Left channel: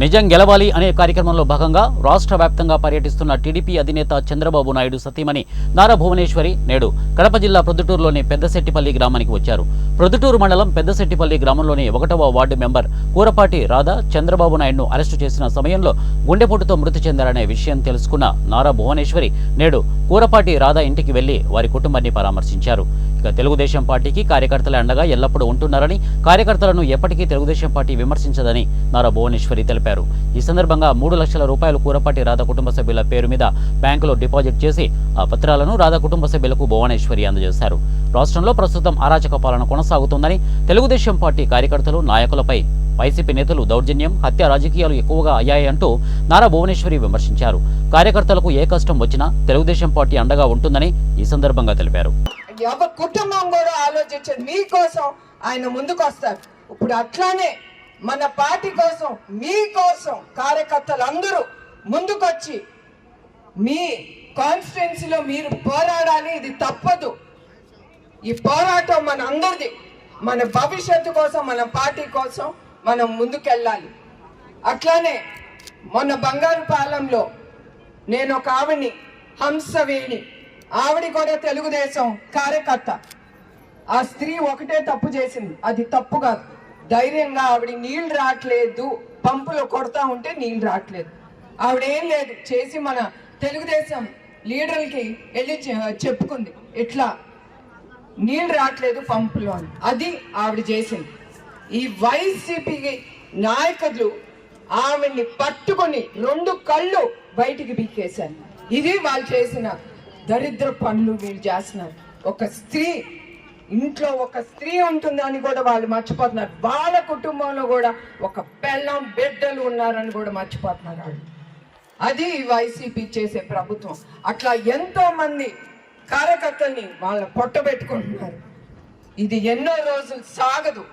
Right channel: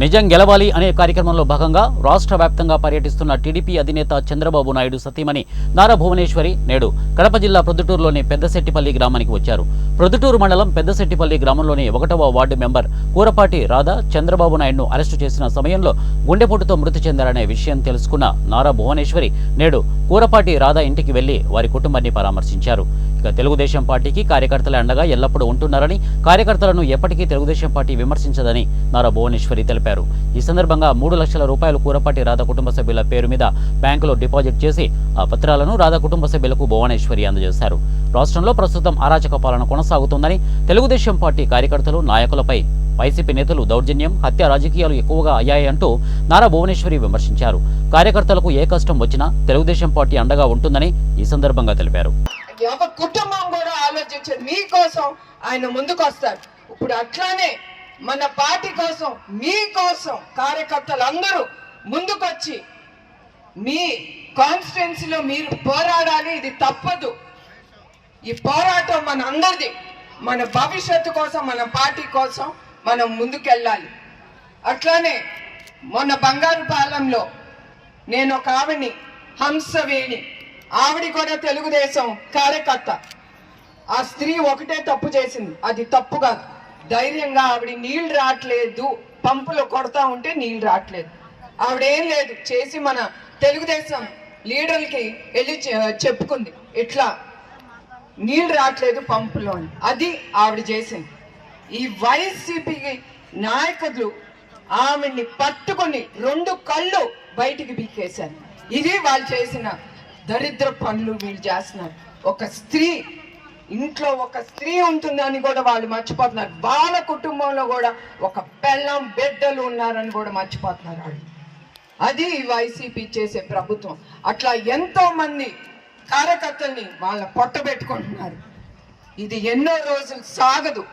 నిజం గెలవాలి అనే కార్యక్రమంలో భాగంగా రాష్ట్ర వ్యాప్తంగా పర్యటిస్తున్న టీడీపీ అధినేత చంద్రబాబు నాయుడు సతీమణి నారా భువనేశ్వరి నేడు కడప జిల్లా ప్రొద్దుటూరులోని పెద్దశెట్టిపల్లి గ్రామానికి వచ్చారు. ప్రొద్దుటూరు మండలం పెద్దశెట్టిపల్లి గ్రామంలోని 1వ వార్డు మెంబర్ కూరపాటి రాధ చంద్రబాబు నాయుడును అరెస్టు చేసిన సమయంలో గుండెపోటుతో మృతి చెందారనే విషయం తెలుసుకున్న నారా భువనేశ్వరి నేడు కూరపాటి రాధ ఇంటికి వెళ్లి వారి కుటుంబాన్ని పరామర్శించారు. ఇక తెలుగుదేశం పార్టీకి కార్యకర్తల అండగా ఎల్లప్పుడూ ఉంటున్నారని, కార్యకర్తలను ఎప్పటికీ తెలుగుదేశం పార్టీ విమర్శించదని నారా భువనేశ్వరి తెలిపారు. ఈ సందర్భంగా 3 లక్షల రూపాయలు కూరపాటి రాధ కుటుంబ సభ్యుల పేరు మీద బ్యాంకులో డిపాజిట్ చేసి ఆ పత్రాలను రాధ కుటుంబ సభ్యులకు భువనేశ్వరి అందజేశారు. రాష్ట్రంలో ప్రస్తుతం అరాచక పాలన కొనసాగుతోందని, తెలుగుదేశం పార్టీ కార్యకర్తలు, నాయకులపై వైసీపీ నేతలు దౌర్జన్యం, హత్య రాజకీయాలు ఎక్కువగా అయ్యాయంటూ నారా భువనేశ్వరి విమర్శించారు. కార్యకర్తలకు ఏ కష్టం వచ్చినా తెలుగుదేశం పార్టీ అండగా ఉంటుందని ఈ సందర్భంగా తెలిపారు. కుటుంబం కూడా ఆలోచించేది మీకోసం ఆయన ముందుకు వస్తారు. ఇప్పుడు అట్లానే మన పార్టీ కోసం, మీకోసం కార్యకర్తలందరూ ముందుకొచ్చి మీ కాన్స్టిట్యున్సీలో మీరు పోరాడాలి. ఇది తప్పదు. ఈ పోరాటం మన అందరిది. మన భవిష్యత్తు కోసం, మన పార్టీ కోసం మనం ముందుకెళ్ళాలి. అట్లానే మొన్న బంగారుపాలెంలో నేను ఒక ఆవిడ్ని, హంసవేణి, ఆవిడ కూడా తెలుగుదేశం కార్యకర్త. ఆ స్త్రీ ఒకటే తప్పు చేసింది, అది తప్పు కాదు. ధైర్యంగా ఆవిడ నీళ్లు రావట్లేదు, పంపులో కొడతా ఉంటే నీళ్లు రావట్లేదు, ఆవిడేం లేదు చేసి మన తెలుగుదేశం లీడర్లకి వెళ్ళి చెప్పుకుంది, ఇట్లా నీళ్లు రావట్లేదు పంపులో. అది ఆవిడ చేసింది. ఈ వైసీపీ నాయకులు ఆమెని పట్టుకుని 2 కళ్ళు బయటికి పీకేశారు. ఇది వాళ్ళు చేసిన దరిద్ర పనులు వీళ్ళు చేస్తున్నారు. ఒక స్త్రీ ఇంట్లో ఒక స్త్రీ ఉంటుందని కూడా వాళ్ళు మర్చిపోతున్నారు. వాళ్ళ కుటుంబంలో కూడా ఒక పెళ్ళాం బిడ్డలు ఉన్నారని కూడా మర్చిపోతున్నారు వాళ్ళు. అది వైసీపీ చేసే ప్రభుత్వం. అట్లా ఎంతో మంది కార్యకర్తల్ని వాళ్ళ పొట్టబెట్టుకుంటున్నారు. ఇది ఎన్నో రోజులు సాగదు.